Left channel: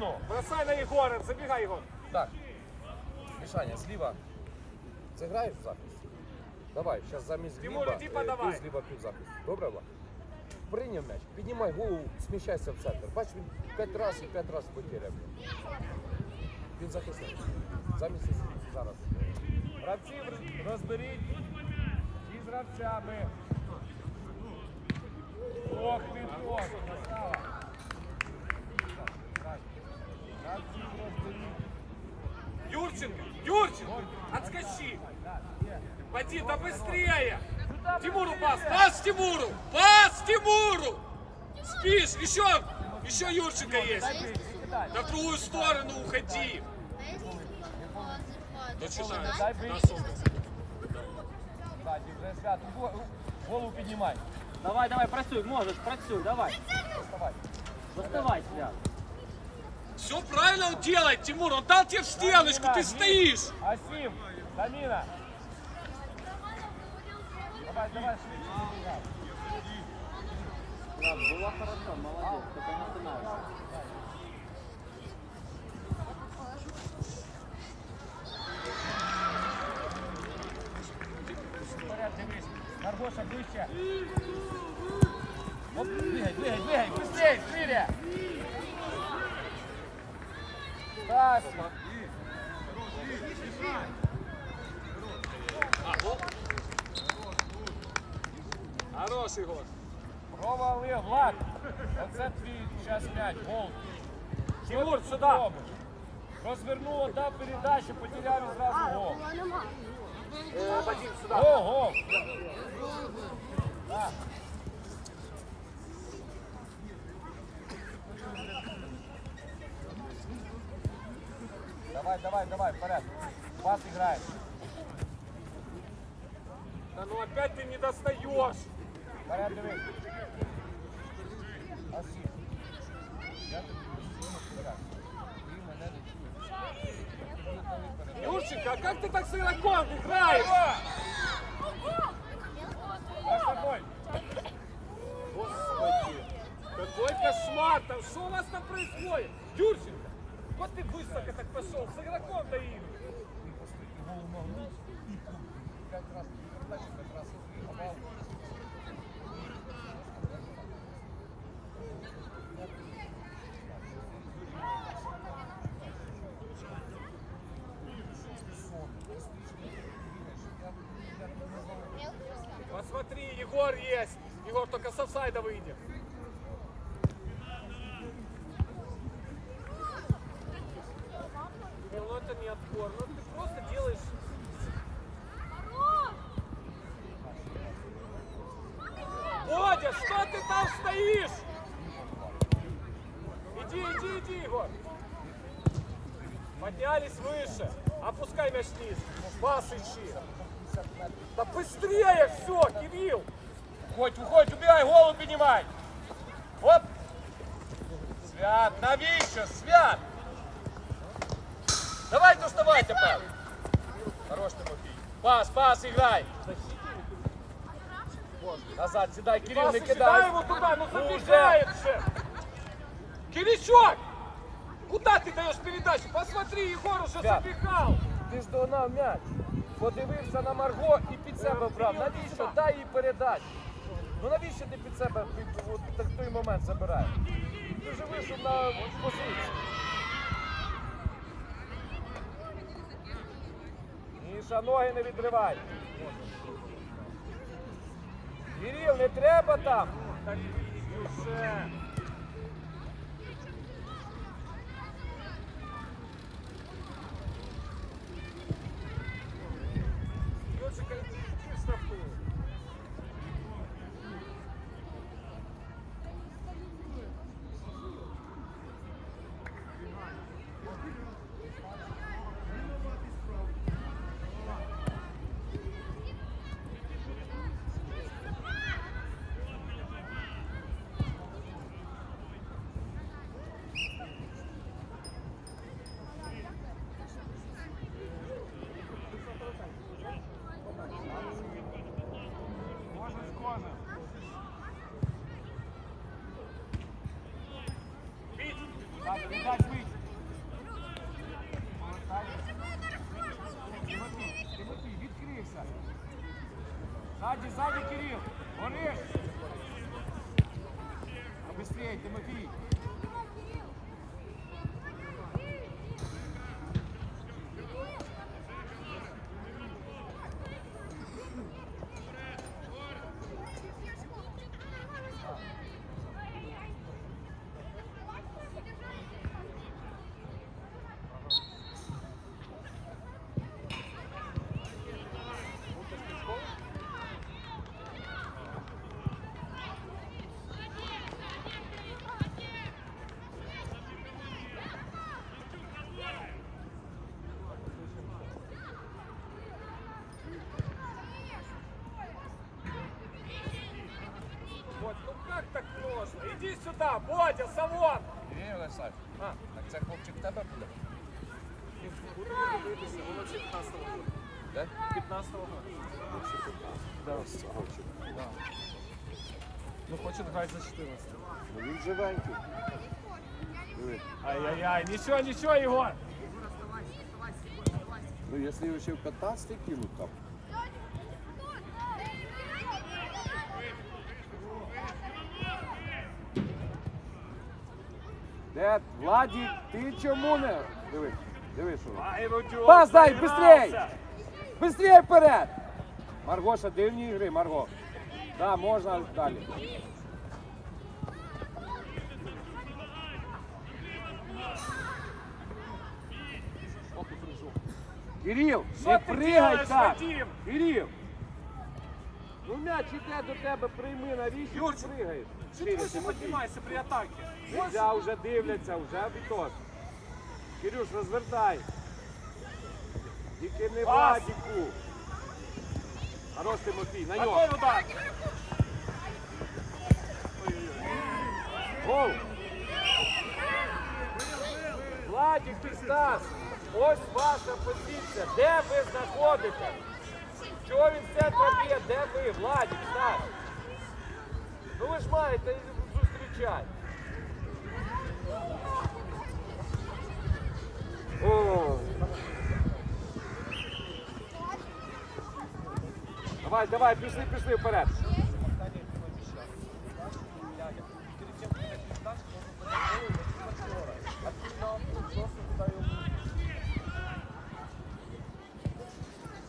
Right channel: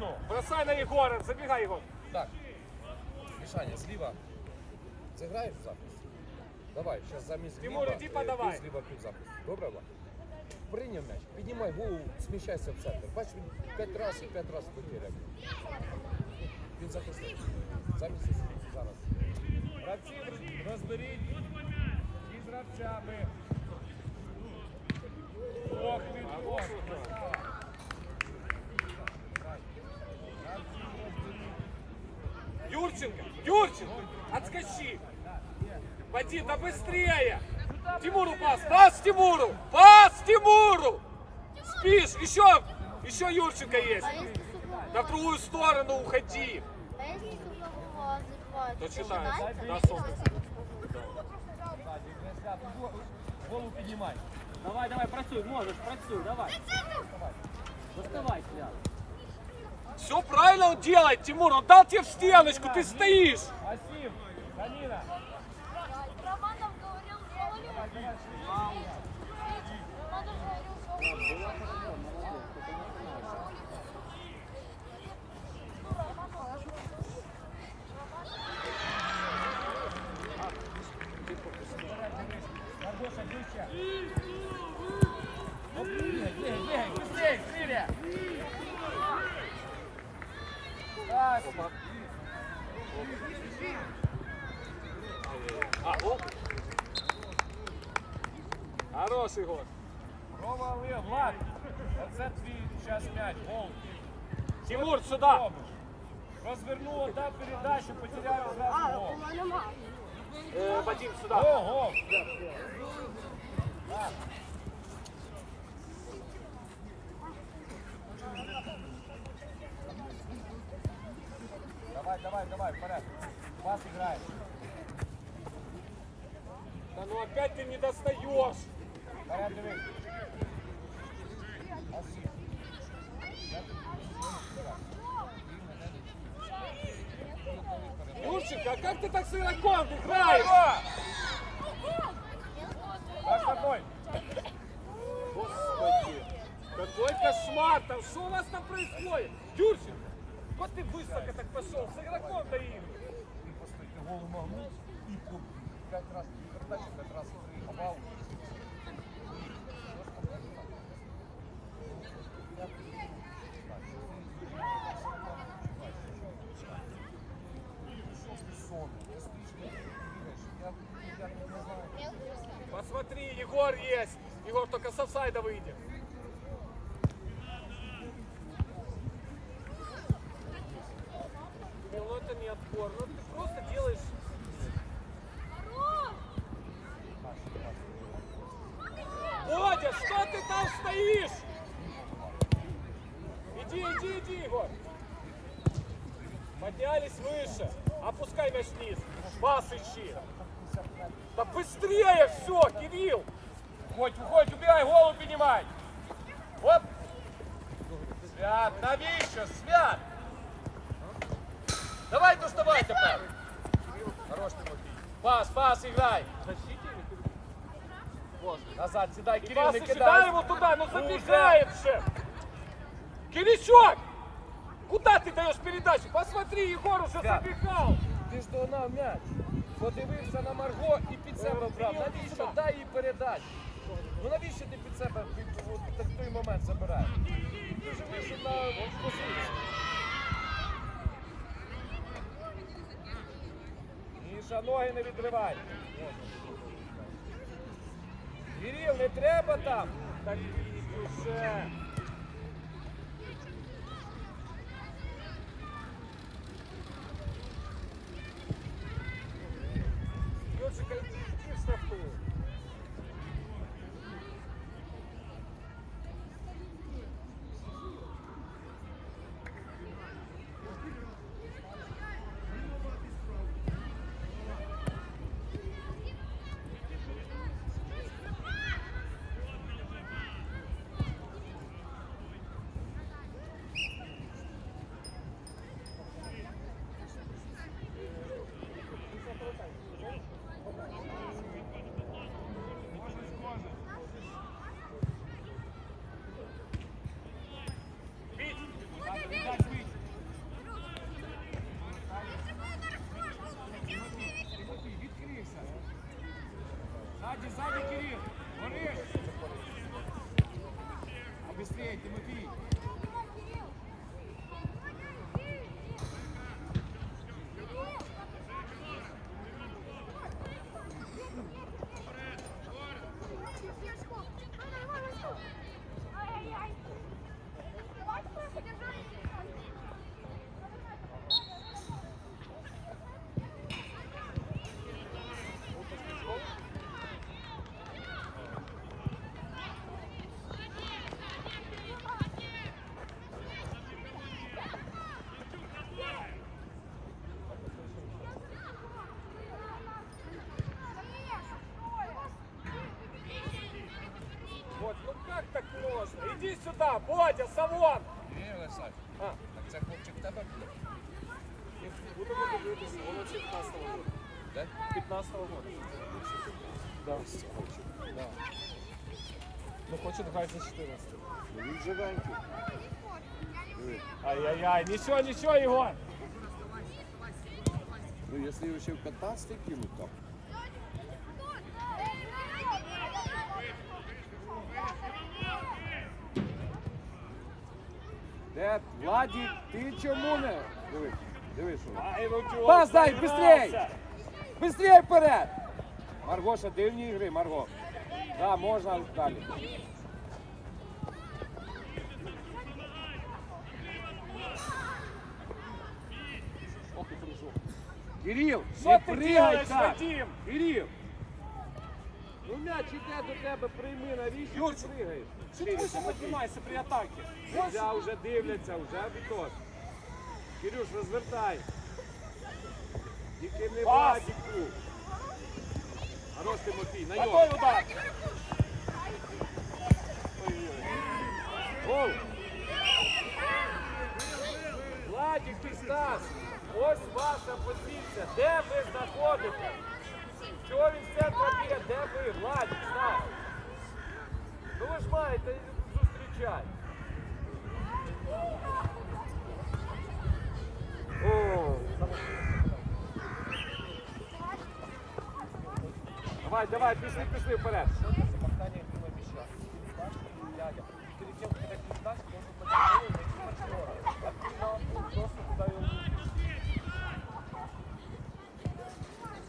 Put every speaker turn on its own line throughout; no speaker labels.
сторону. Бросай на Егора, забегай, Егор.
Так. Мішаня, зліва. Зіграєш в захист? Давай, зараз замість
Тимур,
Гліба,
іди
е,
подавай.
ти зліва під захист. Добре, Влад? Прийняв м'яч, піднімай голову, сміщайся в центр. Бач, він п'ять разів і п'ять разів потеряв. Він захисник. Замість Ісусу. зараз.
Гравців розберіть. І з гравцями. Ох, Віток, красава. є.
Поди, да быстрее.
Сюда
Тимуру
быстрее.
пас, пас Тимуру, пас Тимуру. Спишь, еще, еще Юрченко есть. Да в другую сторону уходи. Ну, чужая.
Дай
Да,
ближче.
супер.
Так, вже свят. Го- Голову піднімай.
Давай, давай, працюй, можеш, працюй, давай.
Вставай.
Доставай, свят.
Все правильно он делает, Тимур, он дал тебе в стеночку, ты стоишь.
Асім, Саміна.
Было хорошо, молодец, только не.
Пас.
Хорош.
Рома Олег, Влад. Оце твій час м'яч, гол.
Тимур.
Добре. Розвернула, дав передачу, потеряли зразу гол.
Э, Вадим, сюда.
Гол. Давай, давай, давай, вперед. Пас играешь.
Да ну опять ты не достаешь. Юрченко, а как ты так с игроком играешь? Господи, какой кошмар там, что у вас там происходит? Юрченко, вот ты высоко так пошел, с игроком доигрываешь. Посмотри, Егор есть. Егор только с офсайда выйдет. Кирилл, Ну это не отбор, ну ты просто делаешь... Бодя, что ты там стоишь? Иди, иди, иди, Егор. Поднялись выше. Опускай мяч вниз. Пас ищи. Да быстрее все, Кирилл.
Уходь, уходь, убегай, голову поднимай. Оп. Свят, навіщо? Свят. Давай доставай тепер. Хорош, Тимофій. Пас, пас, играй.
Назад, сідай, Кирил,
Пас
не
ищи, дай
кидай.
его туда, ну
Ну,
забегает же. Киричок, Куда ты даешь передачу? Посмотри, Егор уже
Свят.
забегал.
Ти ж догнав м'яч. Подивився на Марго і під себе брав. Навіщо? Дай їй передачу. Ну навіщо ти під себе під, от, так той момент забираєш? Ти вже вийшов на позицію. Міша, ноги не відривай. Кирил, не треба там. Ззаді, Кирил. Гориш. Быстрей, Тимофій.
Іди сюди, Бодя, салон!
Кирил, Олександр. Так це хлопчик в тебе буде? Де? 15
Ну хоче грати за 14.
Ну він живенький. Диви.
Ай-яй-яй, нічого, нічого, Ігор.
Ну якщо його ще в 15 кинуть там. Де? Владі, ти чому не? Диви, диви, що. він.
Ай,
Пас дай,
займався.
быстрей! Вперед! Маргоша, дивні ігри, Марго. Да, можна далі. Кирил, не пригай так!
Вадим?
Ну м'яч іде до тебе, прийми, навіщо ти пригаєш?
Ти не
Тимофій.
при атаці?
Нельзя, вже дивляться, вже відос. Кирюш, розвертай. Тільки не Владіку. Хорош Тимофій, на нього. Гол!
Владик і Стас, ось ваша позиція. Де ви знаходитесь? Що він все проб'є? Де ви, Владі, так. Ну ви ж маєте зустрічати.
Давай, давай, пішли, пішли вперед.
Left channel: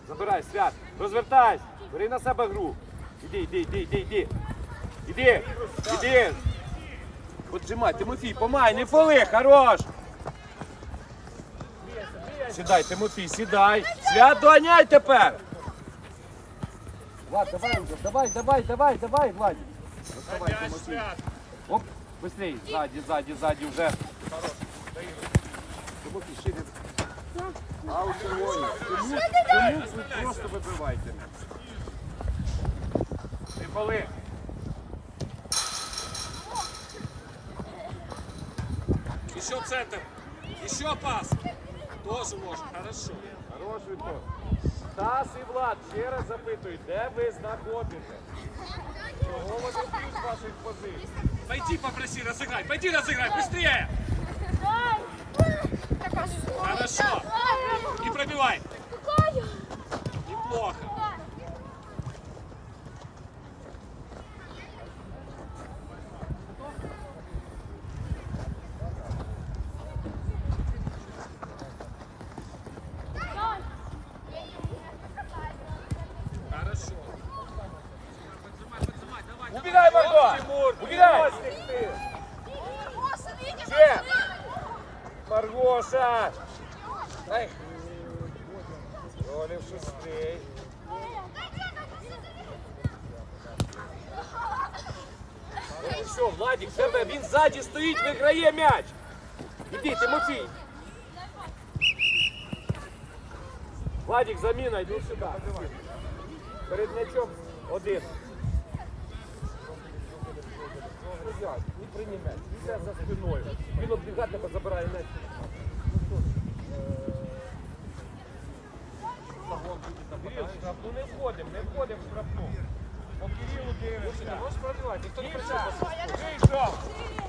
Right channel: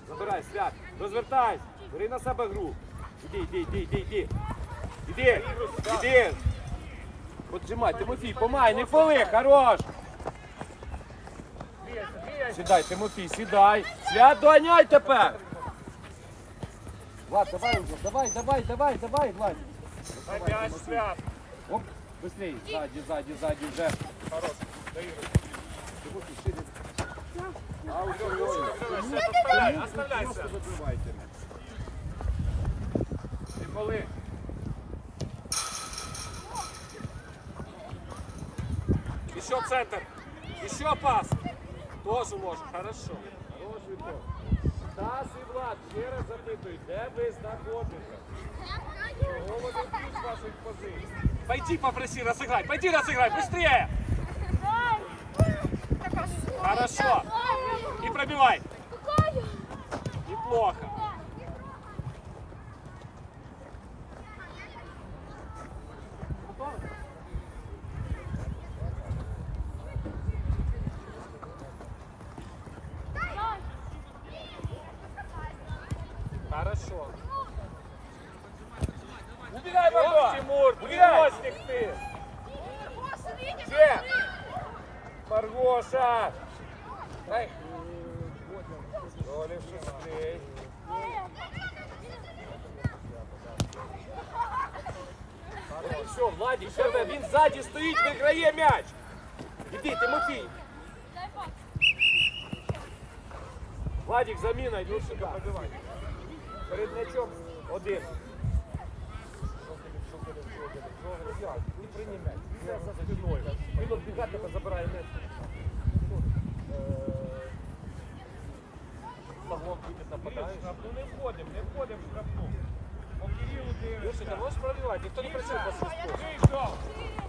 Забирай, свят. Розвертайся. Бери на себе гру. Іди, іди, іди, іди, іди. Іди, іди. Поджимай, Тимофій, помай, не фоли, хорош. Сідай, Тимофій, сідай. Свят, доганяй тепер. Влад, давай давай, давай, давай, давай, Влад. Доставай, Тимофій. Оп, быстрей, сзади, сзади, сзади уже. Тимофій, шире. А у червоні. Чому, чому ви просто вибиваєте мене?
Коли?
Еще центр. Еще пас. Тоже можно. Хорошо.
Хороший ход. Стас і Влад, ще раз запитую, де ви знаходитесь? Чого вони б'ють з ваших позицій?
Пойди попроси разыграть. Пойди разыграй. Быстрее. Хорошо. И пробивай. Неплохо. Хорошо.
Убігай, Марго!
Тимур, переносник ты.
Маргоша! Стоїть, виграє м'яч. Іди, Тимофій. Владик, заміна, йди сюди. Перед м'ячом один. Не приймай, йде за спиною. Він оббігає, тебе забирає м'яч. Не входимо, не входимо в штрафну. По Кирилу дивишся.
Можешь пробивать. Никто не
Дивишся, вийшов.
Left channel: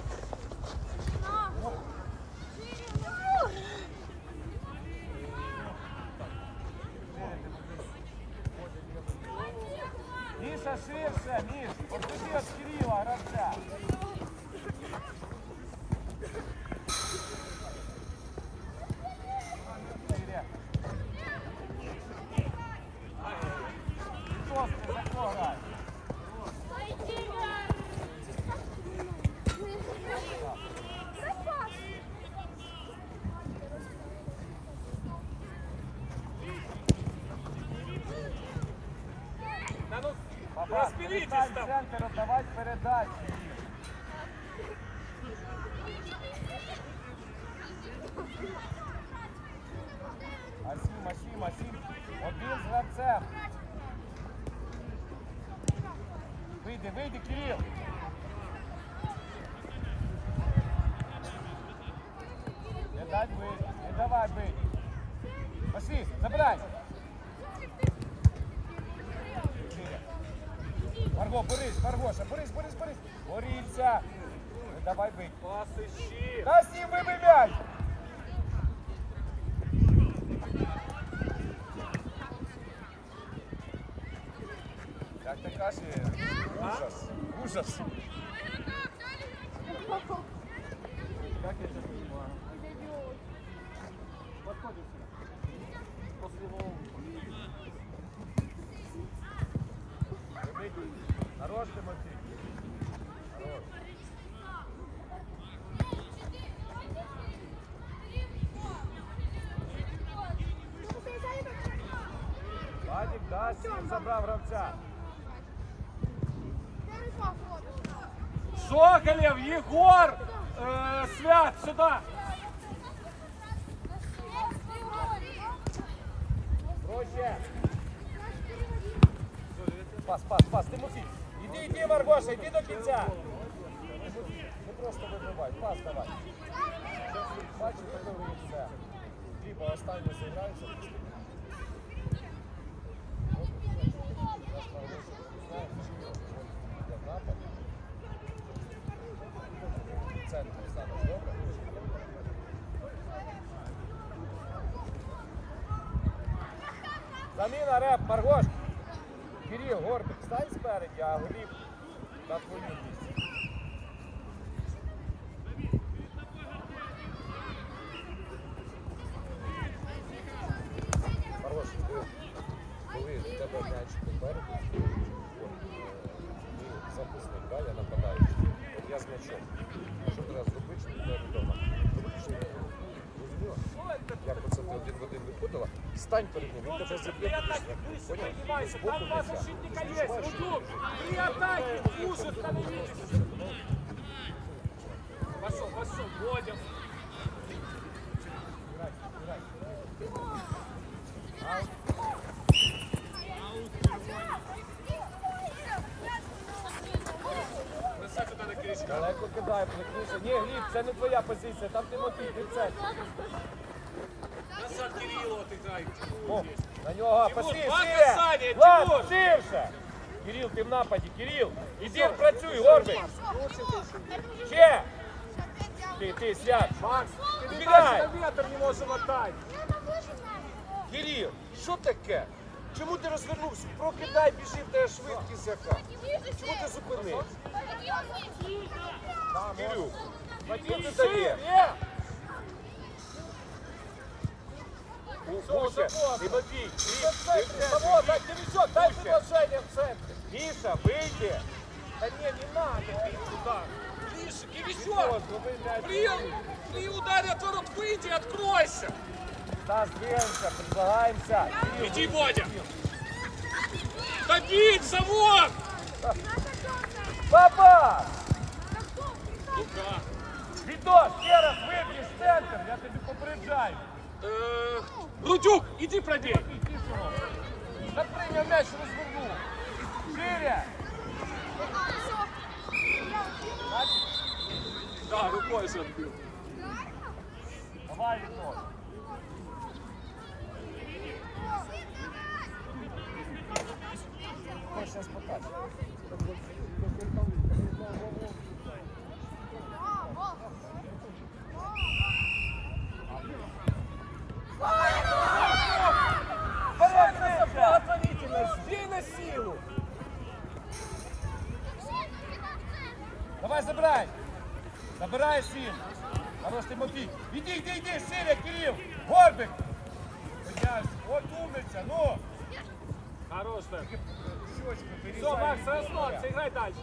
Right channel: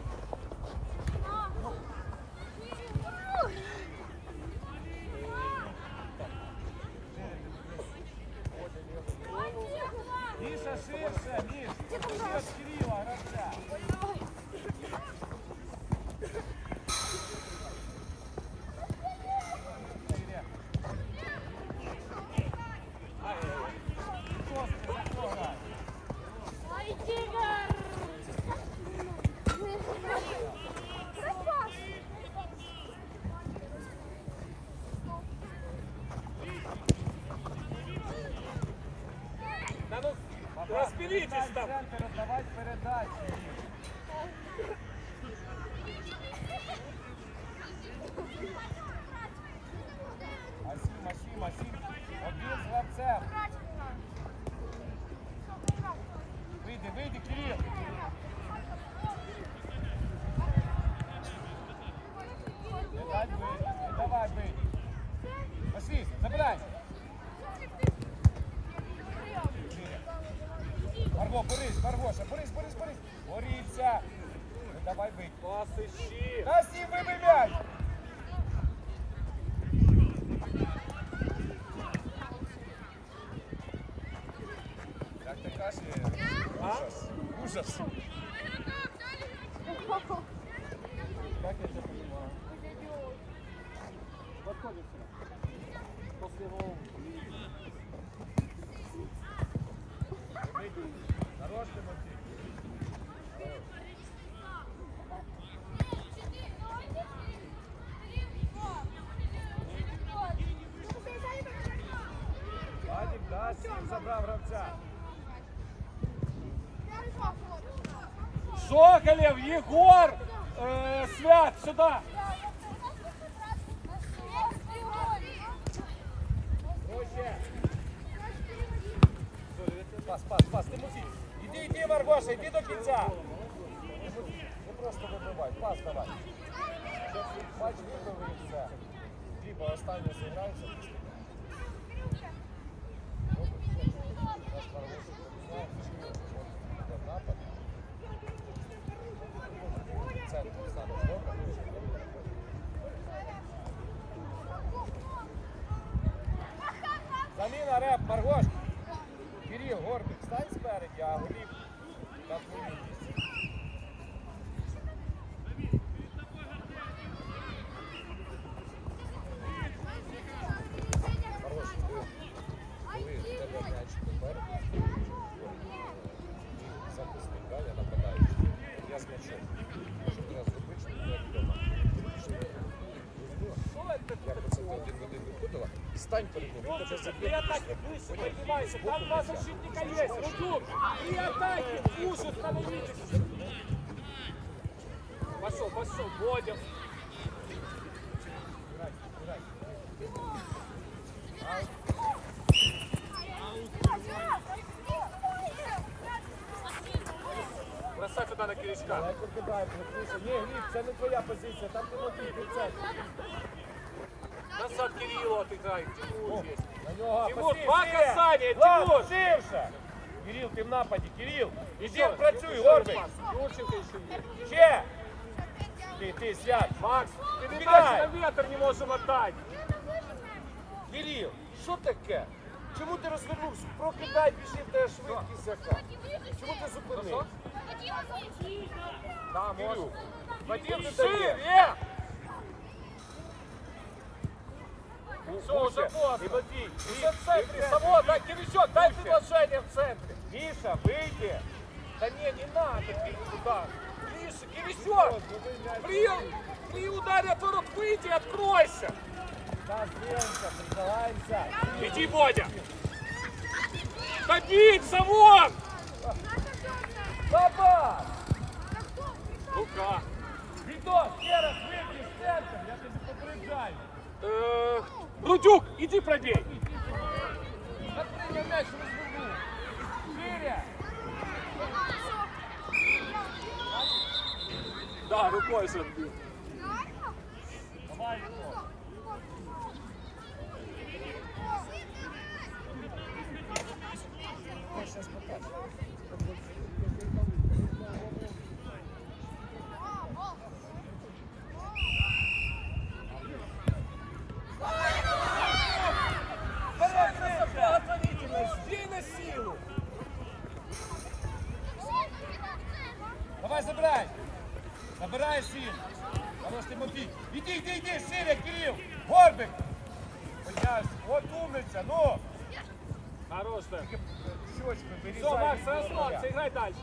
Ширше, вот Отойди від Кирилла, гравця. much. ужас, ужас. Пас, пас, пас, Тимофій. Іди, іди, Маргоша, іди до кінця. Не просто вибивай, пас давай. Бачиш, готовий все. Діба останній зіграється. Центр станеш, добре? Заміна реп, Маргош. Кирил, Горбик, стань спереді, а Гліб на твою місці. Маргош, ти, коли в тебе м'яч попереду, і захисник, да, я нападаючий, от я з м'ячом. Що треба зробити, щоб тебе вдома? Розуміла? Як оце ти один в один виходила, стань перед ним, він тебе заб'є туди штрафну, поняв? Не з боку м'яча. Ти ж відчуваєш, що він біжить. Виглядає, можливо, цим дурним просто все, ну. Грай, грай. Аут.
Бросай туда на Кирисика.
Далеко кидай, плотніше. Ні, Гліб, це не твоя позиція, там Тимофій, ти в центрі.
Назад Кириллу отыграй.
О, на нього,
Тимур,
пошли,
два
шире!
касання,
Влад,
Тимур!
ширше! Кирил, ти в нападі, Кирил! Іди, працюй, Горбик! Ще! Ти, ти, сядь!
Макс,
Убегай!
передачу на ветер не можем отдать.
Кирил, що таке? Чому ти розвернувся? Прокидай, біжи, в тебе швидкість яка. Чому ти зупинився? Там, Кирил, Вадим не дає. Слушай, Тимофій,
Того, дай Киричок, дай предложение в центре.
Миша, вийди! Та ні, не надо.
Иди туда. Миша,
Ось,
Киричок,
вони м'яч.
при, при ударе от ворот выйди, откройся.
Так, дивимося, предлагаємося.
Иди, Бодя. Добиться, вот.
Папа!
Ну-ка.
Відос, ще раз виб'єш центр, я тобі попереджаю.
Рудюк, иди пробей.
Прийняв м'яч розвернув. Шире!
Да, рукой же.
Давай, Відос. Ось зараз забирай. Забирай сім. Хорош Тимофій. Іди, іди, іди, шире, Кирил. Горбик. Піднявся. От умниця, ну.
Хорош, так. Все, Макс, це основа, це грай далі.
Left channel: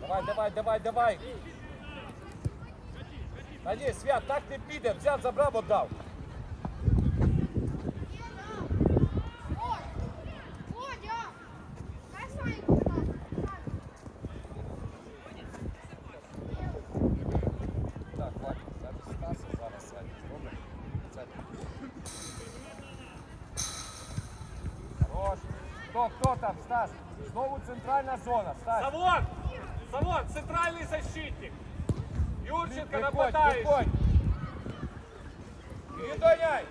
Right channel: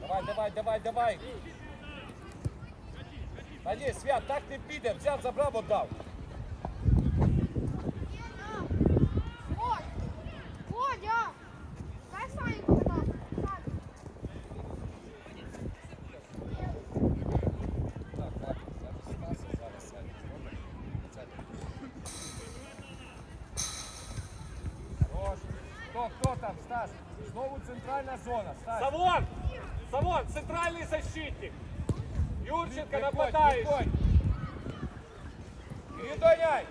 Давай, давай, давай, давай. А ні, Свят, так не піде. Взяв, забрав, отдав. Там, Стас? Знову центральна зона, Стас.
Завод! Завод! Центральний защитник! Юрченко
Виходь,
нападаючий!
виходь. Не доняй.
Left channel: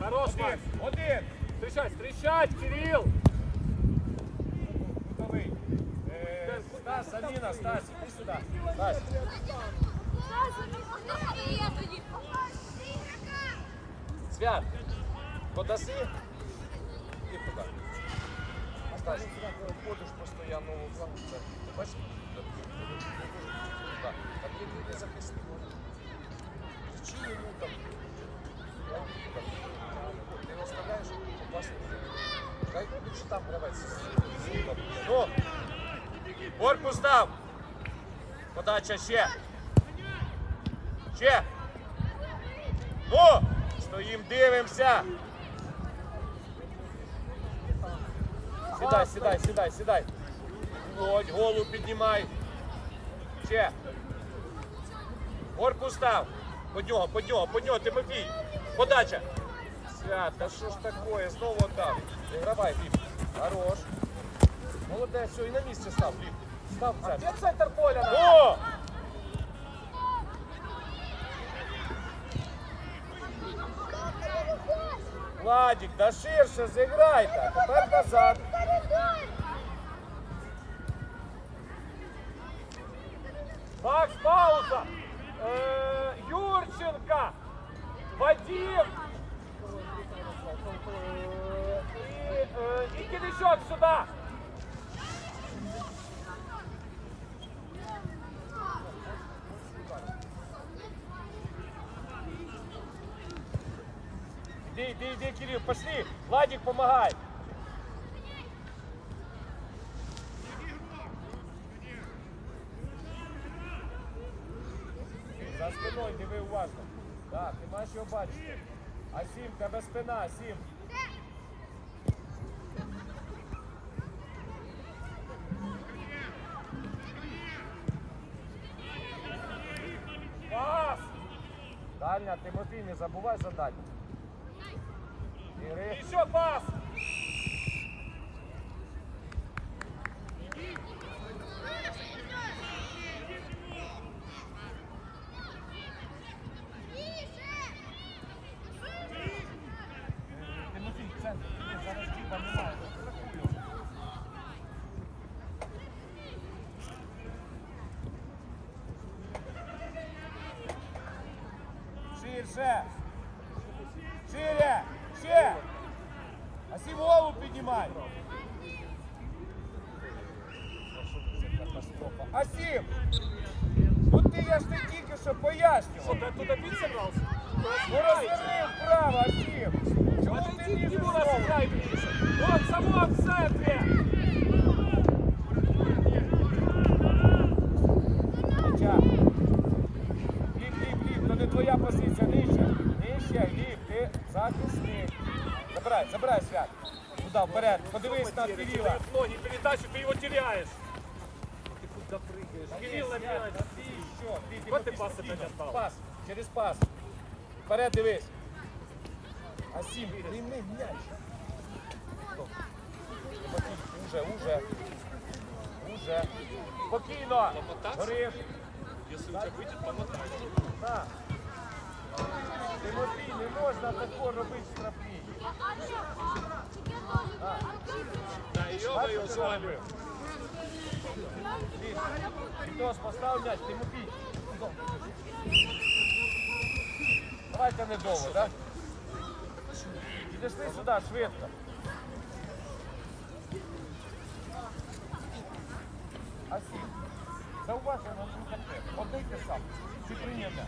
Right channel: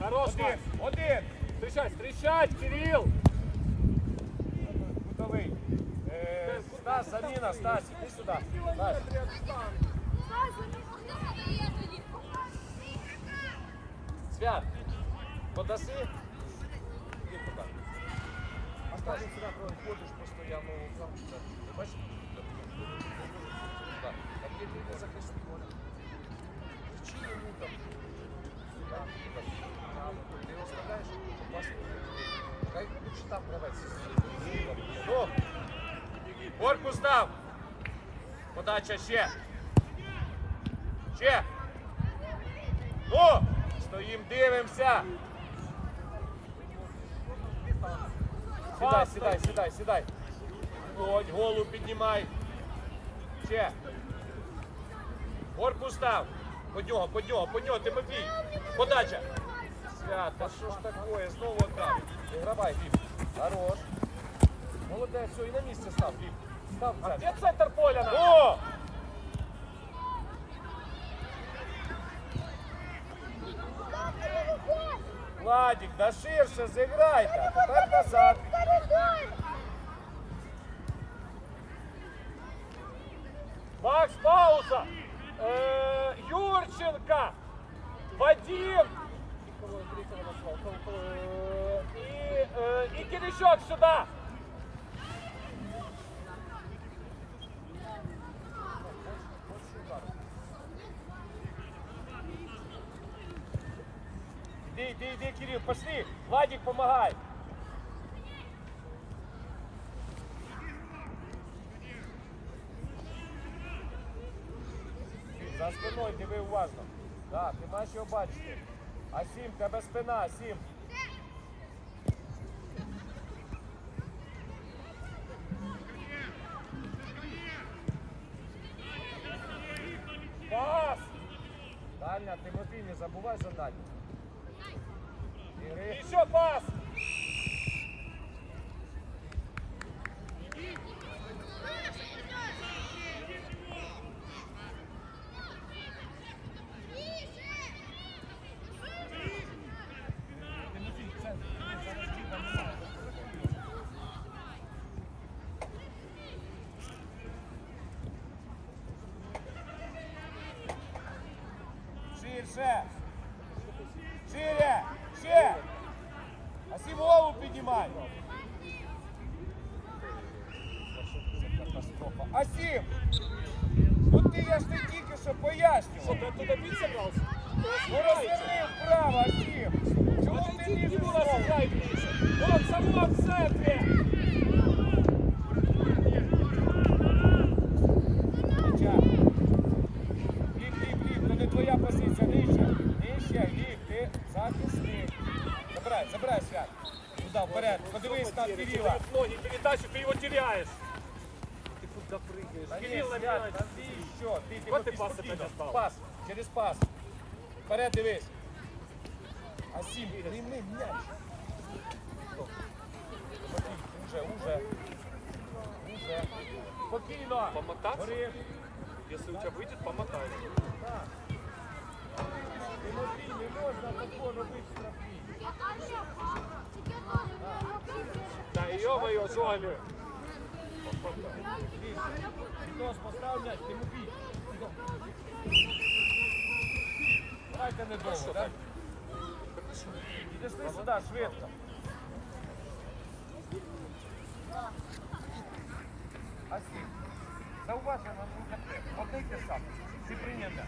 Хорош, Макс.
Один.
Встречать, встречать, Кирилл.
Готовий. Е, Стас, Аліна, Стас, іди сюди. Свят, подаси? Там там, як, право, ти не там гравець. Ну, Корпус дав. Подача ще. Ще. Ну, стоїм, дивимося. Сідай, сідай. Ось, голову піднімай. Ще. Корпус дав. Под нього, под нього, под нього, Тимофій. Подача. Свят, та що ж такое? Знову там. Давай, Біб. Хорош. Молодець, все, і на місце став, Біб. Став в центр.
Где центр поля?
О! Владик, да ширше зіграйте. Тепер назад.
Макс, пауза. Э, Юрченко. Вадим. И, э, и Киричок сюда.
Іди, іди, іди, Кирил, пошли. Владик, помагай. За спиною диви уважно. Так, ти маєш його бачити. А сім, в тебе спина, сім. Дальня, Тимофій, не забувай задачу. Бери.
Еще пас!
Тимофій, в центр. Іди, зараз Діба немає. Страхуй його. Ширше. Шире. Ще. А сім голову піднімай. Асім! Ну ти я ж не тільки що пояснював.
Ты оттуда бить собрался?
Ну розверни вправо, Асім! Чому ти
разыграй ближе. Вот, само в центре.
Хоча. Ліп, ліп, ліп, то не твоя позиція, нижче. Нижче, ліп, ти захисник Забирай, забирай, свят. Туди, вперед, подивись на Кирила.
Дает ноги, передачу, ты его теряешь. Ты куда прыгаешь? Кирилл на мяч. Вот ты пас опять отдал.
Пас, через пас. Вперед дивись. Асім, прийми м'яч. Стоп. Уже, уже. Уже. Спокійно. Гориш.
Если у тебя выйдет, помотай.
Так. Тимофій, не можна тако робити штрафні. Вітос, постав м'яч, Тимофій. Давай-ка недовго, так? Підійшли сюди, швидко. Асі, зауважте, тут не те. Подайте сам, ти.